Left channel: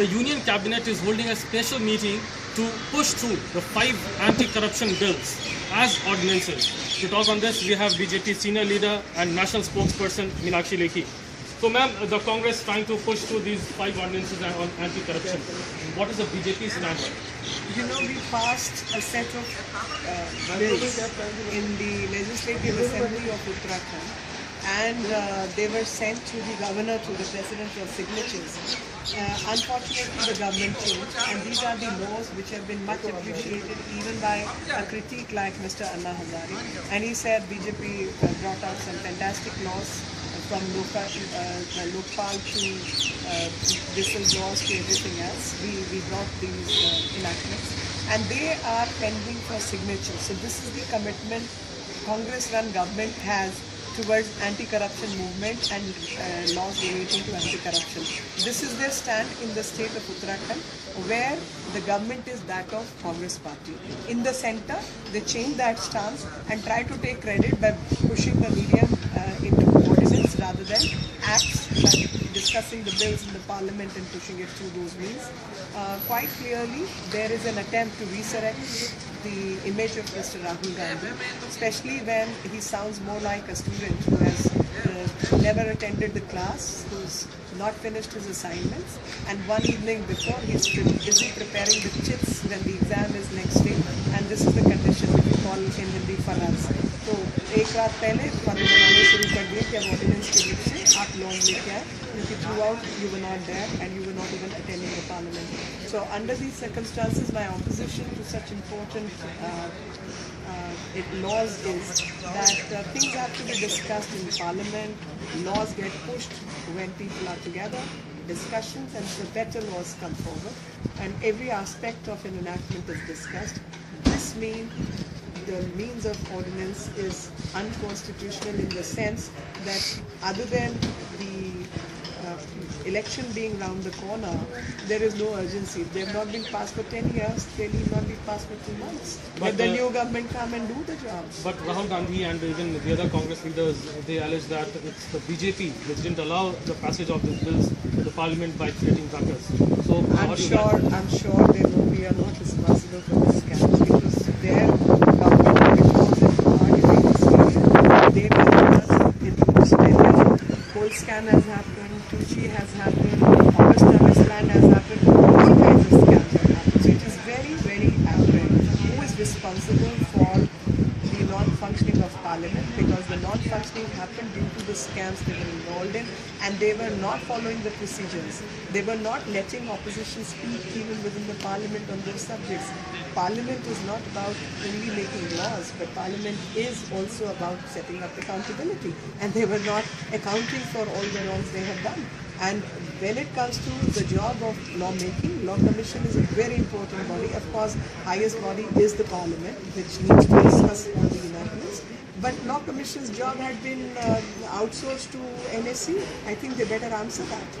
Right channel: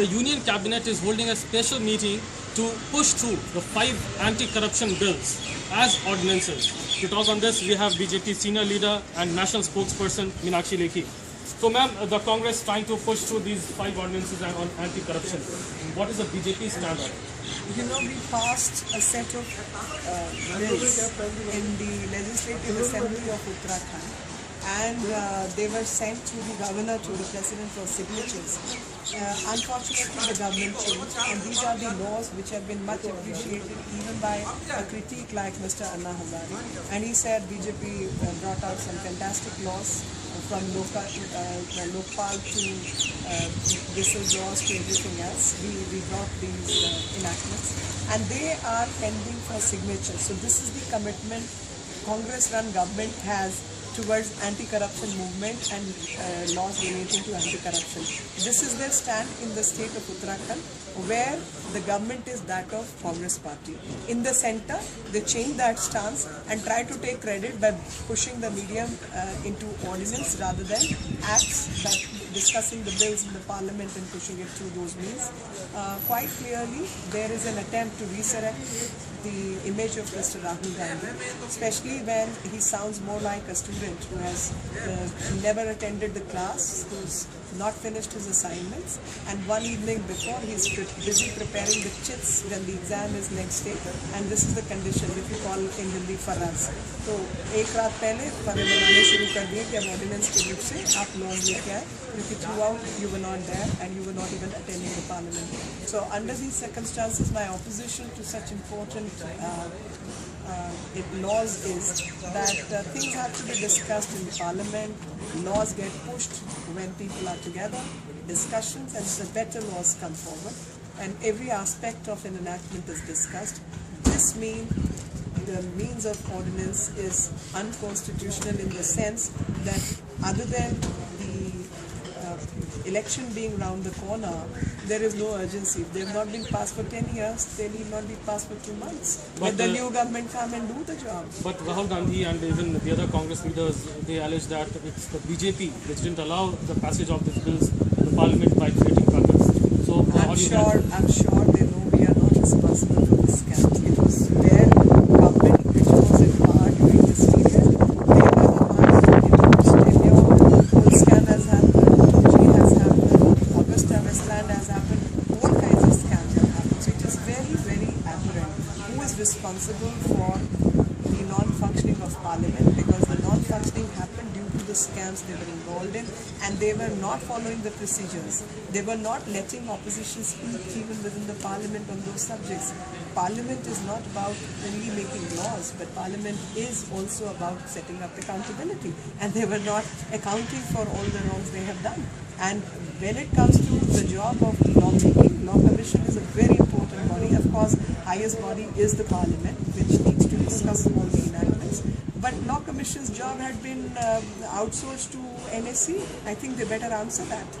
the Union Cabinet is holding a special meeting to push through the 5 anti-corruption bills as ordinances. To talk on this, we have BJP senior leader and national spokesperson Meenakshi Lekhi. So, ma'am, the Congress trying to push through these 5 ordinances on anti-corruption. What is the BJP stand on it? You know, we passed a set of bills in the Legislative Assembly of Uttarakhand, and they were sent to the governor, to the president for signatures. Unfortunately, the government changed, and these are the laws which have been much appreciated even by a critic like Mr. Anna Hazare. And he said BJP brought out some fantastic laws from Lokpal to whistleblowers to everything else. We brought these enactments, and they are pending for signature. So this is the commitment Congress-run government has towards anti-corruption movement and laws relating to anti-corruption. This is their stand in the state of Uttarakhand, where the government is that of Congress party. In the center, they change that stance and try to take credit by pushing the medium into ordinance rather than acts, by discussing the bills in the parliament and pushing it through those means. Quite clearly, there is an attempt to resurrect the image of Mr. Rahul Gandhi, especially when he sounds more like a student who has never attended the class, who's not finished his assignments, and one evening before he's busy preparing the chits when the exam is next day, and this is the condition which we call in Hindi faraz. तो एक रात पहले फर्ज बनाने शुरू कर दिए कि अब ऑर्डिनेंस के रूप से आप लॉज लेके आए, क्योंकि throughout you were not there and you were not even attending the parliament. So under these circumstances, my opposition to such important laws is that things have to be discussed in Parliament. Laws get pushed when people are together, discussions, and the better laws come forward, and every aspect of an enactment is discussed. This means the means of ordinance is unconstitutional in the sense that other than the election being round the corner, there is no urgency. If they have not been passed for 10 years, they need not be passed for 2 months. Let the new government come and do the job. But Rahul Gandhi and even the other Congress leaders, they allege that it's the BJP which didn't allow the passage of these bills in the parliament by creating caucus. So I'm sure they know we are not responsible for this scam. It was their government which was in power during this period. They were the ones in which the whole scam has happened. All kinds of scams have happened. So it is very, very apparent who is responsible for the non-functioning of Parliament, because the non-functioning happened due to the scams they were involved in, and they were not following the procedures. They were not letting opposition speak even within the Parliament on those subjects. Parliament is not about only making laws, but Parliament is also about setting up accountability, and they were not accounting for all the wrongs they have done. And when it comes to the job of lawmaking, Law Commission is a very important body. Of course, highest body is the Parliament, which needs to discuss all the enactments. But Law Commission's job had been outsourced to NSC. I think they better answer that.